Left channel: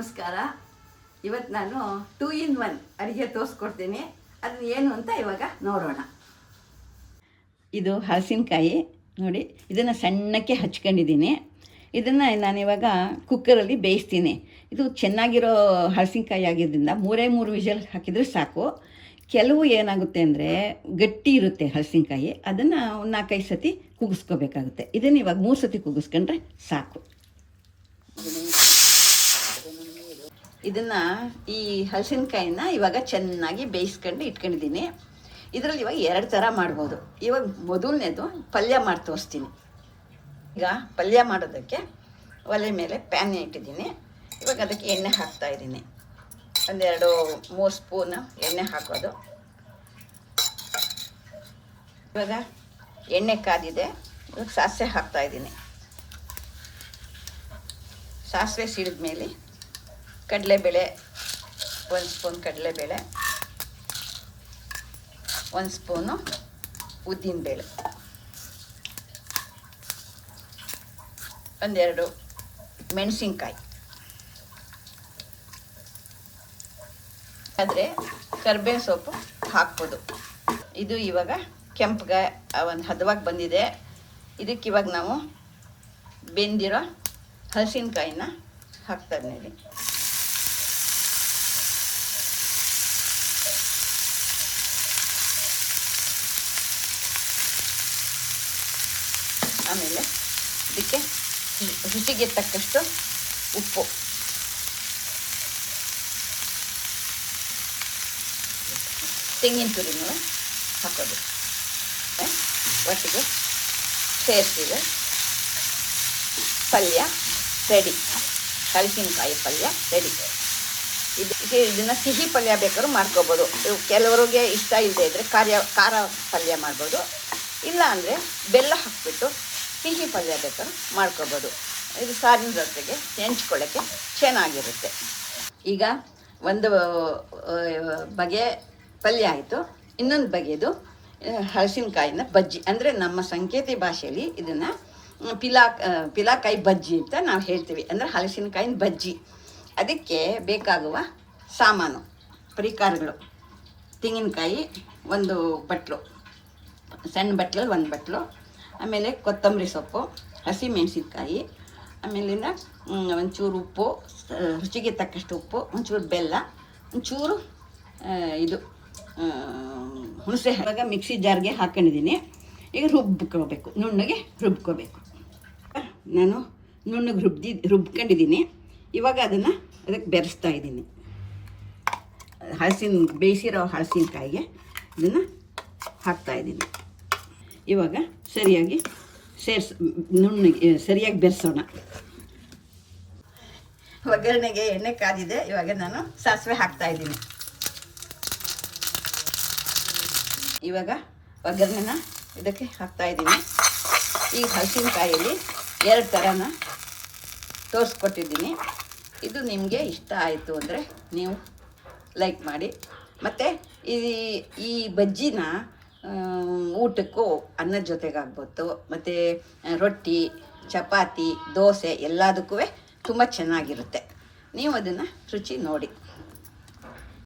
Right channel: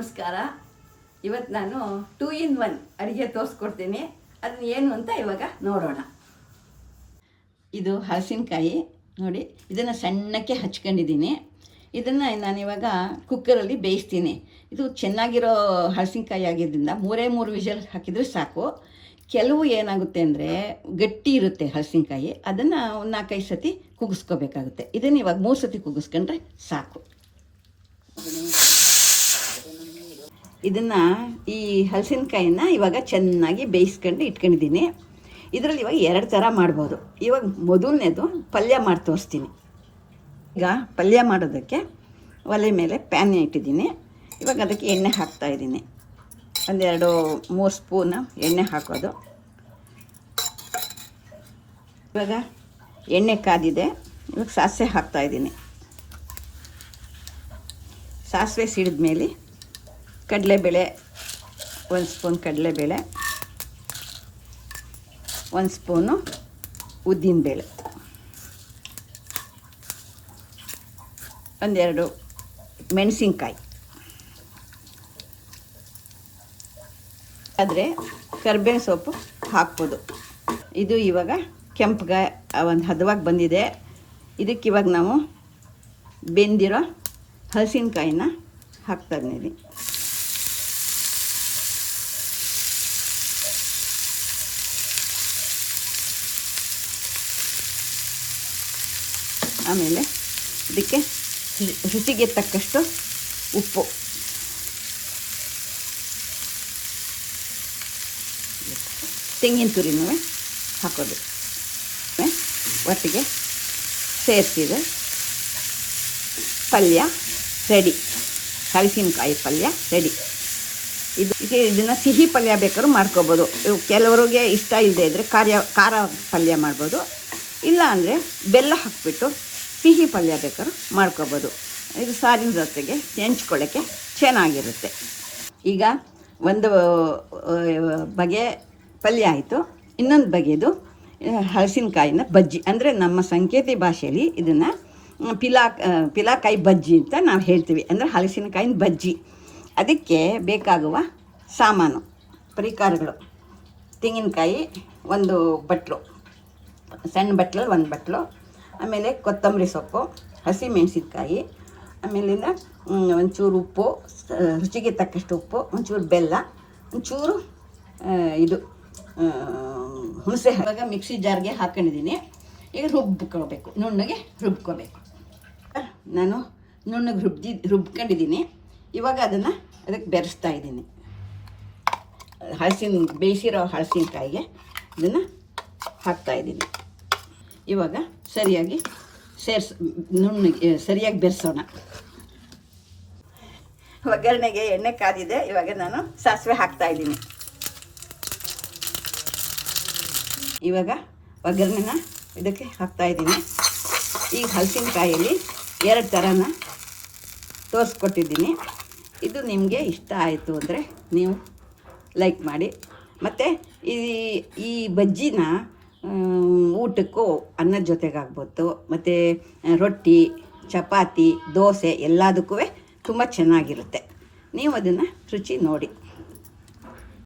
ನಮಸ್ಕಾರ. ಇವತ್ತು ನಾನು 2 in 1 ಅಡುಗೆ ತೋರಿಸ್ಕೊಡ್ತೀನಿ. ಅದನ್ನ ಏನು ಅಂತ ಇವಾಗ ನೋಡೋಣ. ಇದು ಹಲಸಿನಕಾಯಿ ನೋಡಿ, ಇದನ್ನು ಸಣ್ಣಕ್ಕೆ ಹಚ್ಕೊಂಡಿದ್ದೀನಿ. ಇದನ್ನು ನಾನಿವಾಗ ಕುಕ್ಕರಲ್ಲಿ ಬೇಯಿಸ್ತೀನಿ. ಇದು ಚೆನ್ನಾಗಿರೋ ಹಲಸಿನಕಾಯಿ ಆಗಿದ್ದರಿಂದ 3 ವಿಷಲ್ ಹಾಕಿದರೆ ಸಾಕು. ಕೆಲವು ಏನಾಗುತ್ತೆ ಅಂದರೆ ಗಟ್ಟಿ ಇರುತ್ತೆ ಹಲಸಿನಕಾಯಿ, ಅದನ್ನು 4-5 ಸತಿ ಕುಗ್ಗಿಸ್ಕೋಬೇಕಾಗುತ್ತೆ. ಇದನ್ನು ಇವಾಗ 3 ಸತಿ ಕುಗ್ಗಿಸ್ಕೊಂಡ್ರೆ ಸಾಕು. ಇದನ್ನು ಈ ಹಲಸಿನಕಾಯಿನ ಇವಾಗ ಚೆನ್ನಾಗಿ ಬೇಯಿಸ್ಕೊಂಡು ಇಟ್ಕೊಂಡಿದ್ದೀನಿ. ಇದರಲ್ಲಿ ಇವಾಗ 2 ಥರ ಮಾಡ್ಬೋದು. ಇವಾಗ ಮೊದಲನೇದು ಪಲ್ಯ ಮಾಡಿ ತೋರಿಸ್ತೀನಿ. ಈಗ ಪಲ್ಯ ಮಾಡೋದಕ್ಕೆ ಒಲೆ ಮೇಲೆ ಪ್ಯಾನ್ ಇಟ್ಟಿದ್ದೀನಿ. ಇವಾಗ ಅದಕ್ಕೆ ಎಣ್ಣೆ ಹಾಕ್ತಾಯಿದ್ದೀನಿ. 1-2-3 ಸ್ಪೂನ್ ಎಣ್ಣೆ ಹಾಕೋದು. ಇವಾಗ ಎಣ್ಣೆ ಕಾದಿದೆ. ಇವಾಗ ಸಾಸಿವೆ ಹಾಕ್ತಾಯಿದ್ದೀನಿ. ಸಾಸಿವೆ ಸಿಡಿದ ಮೇಲೆ ಕಡಲೆಬೇಳೆ, 1 ಸ್ಪೂನ್ ಕಡಲೆಬೇಳೆ, 1 ಸ್ಪೂನು ಉದ್ದಿನಬೇಳೆ, 1-2 ಮೆಣಸಿನ್ಕಾಯಿ, ಆದರೆ ಕರಿಬೇವು ಸೊಪ್ಪು ಹಾಕ್ಬೋದು. ಇದು ಇವಾಗ ಕೆಂಪಗೆ ಒಂದು ಹದವಾಗಿ ಬಂದಿದೆ. ಇದಕ್ಕಿವಾಗ ನಾವು ಬೆಂದಿರೋ ಹಲಸಿನಕಾಯಿನ ಹಾಕ್ತಾ ಇದ್ದೀನಿ. ಆಮೇಲೆ ಇದಕ್ಕೆ ರುಚಿಗೆ ತಕ್ಕಷ್ಟು ಉಪ್ಪು, ತೆಂಗಿನ ತುರಿನೂ ಹಾಕೋದು. ಒಟ್ಟಿಗೆ ಸೇರಿಸಿದ್ರೆ ಪಲ್ಯ ರೆಡಿ. ಹಲಸಿನಕಾಯಿ ಪಲ್ಯ ರೆಡಿ. ಇದನ್ನು ಸಿಹಿ ಪಲ್ಯ ಬೇಕಾದ್ರೂ ಮಾಡ್ಕೊಬೋದು. ಕೆಲವರಿಗೆ ಇಷ್ಟ ಇಲ್ಲದೆ ಇದ್ದರೆ ಖಾರ ಪಲ್ಯ ಮಾಡ್ಬೋದು. ಇಲ್ಲ ಅಂದರೆ ಬೆಲ್ಲ ಹಾಕಿಬಿಟ್ಟು ಸಿಹಿ ಪಲ್ಯ ಬೇಕಾದ್ರೂ ಮಾಡ್ಕೊಬೋದು. ಇದು ಸಾರಿನ ಜೊತೆಗೆ ಹೆಂಚ್ಕೊಳ್ಳೋಕ್ಕೆ ಚೆನ್ನಾಗಿರುತ್ತೆ. ಈಗ ಒಂದು ಬಗೆ ಪಲ್ಯ ಆಯಿತು. ಇನ್ನೊಂದು ಬಗೆದು ಹಲಸಿನಕಾಯಿನ ಬಜ್ಜಿ, ಅಂದರೆ ನಮ್ಮ ಸಂಕೇತಿ ಭಾಷೆಯಲ್ಲಿ ಇದನ್ನು ಪಿಲಾಕಾಯಿ ಬಜ್ಜಿ ಅಂತ ನಾವು ಹೇಳ್ತೀವಿ. ಅಂದರೆ ಹಲಸಿನಕಾಯಿನ ಬಜ್ಜಿ. ಅದಕ್ಕೆ ಬೇಕಾಗುವ ಸಾಮಾನು ಪರಿಕಾರಗಳು: ತೆಂಗಿನಕಾಯಿ 1 ಬಟ್ಲು, ಸಣ್ಣ ಬಟ್ಲಲ್ಲಿ 1 ಬಟ್ಲು, ಆಮೇಲೆ ಕೊತ್ತಂಬರಿ ಸೊಪ್ಪು, ಹಸಿಮೆಣಸಿನ್ಕಾಯಿ, ಆಮೇಲಿಂದ ಒಂಚೂರು ಉಪ್ಪು, ರುಚಿಗೆ ತಕ್ಕಷ್ಟು ಉಪ್ಪು, ಒಂಚೂರು ಬೆಲ್ಲ, ಒಂಚೂರು ಇದು ಹುಣಸೆ. ಇವಾಗ ಮಿಕ್ಸಿ ಜಾರ್ಗೆ ಹಾಕೊಂಡಿದ್ದೀನಿ. ಈಗ ರುಬ್ಕೋಬೇಕು, ನುಣ್ಣಗೆ ರುಬ್ಕೋಬೇಕು. ನಾನು ನುಣ್ಣಗೆ ರುಬ್ಕೊಂಡಿದ್ದೀನಿ. ಇವಾಗ ಅದಕ್ಕೆ ಬೆರೆಸ್ತಾ ಇದ್ದೀನಿ. ಬೇಯಿಸಿರೋ ಹಲಸಿನಕಾಯಿಗೆ ಇದನ್ನು ಹಾಕ್ತಾಯಿದ್ದೀನಿ. ಇವಾಗ ಸರಿಯಾಗಿ ನುಣ್ಣಗೆ ಸರಿಯಾಗಿ ಬೆರೆಸೋಣ. ಒಗ್ಗರಣೆಗೆ ಎಣ್ಣೆ ಕಾದಿದೆ. ಇವಾಗ ನಾನು ಸಾಸಿವೆ ಹಾಕ್ತಾಯಿದ್ದೀನಿ. ಇವಾಗ ಒಗ್ಗರಣೆನ ಇದಕ್ಕೆ ಹಾಕ್ತಾಯಿದ್ದೀನಿ. ಈ ಹಲಸಿನಕಾಯಲ್ಲಿ 2 ಥರನ ತೋರಿಸ್ಕೊಟ್ಟಿದ್ದೀನಿ. ಇದು ನಿಮಗೆ ಇಷ್ಟ ಆಯಿತು ಅಂದರೆ ನೀವು ಲೈಕ್ ಮಾಡಿ. ಮತ್ತು ಈ ಬಜ್ಜಿನ ಊಟಕ್ಕೂ ಅನ್ನದ ಜೊತೆಗಾಗ್ಬೋದು, ಮತ್ತು ರೊಟ್ಟಿ, ಚಪಾತಿ, ದೋಸೆ ಎಲ್ಲದಕ್ಕೂ ತುಂಬ ಚೆನ್ನಾಗಿರುತ್ತೆ. ನೀವು ಅದನ್ನು ರುಚಿ ನೋಡಿ.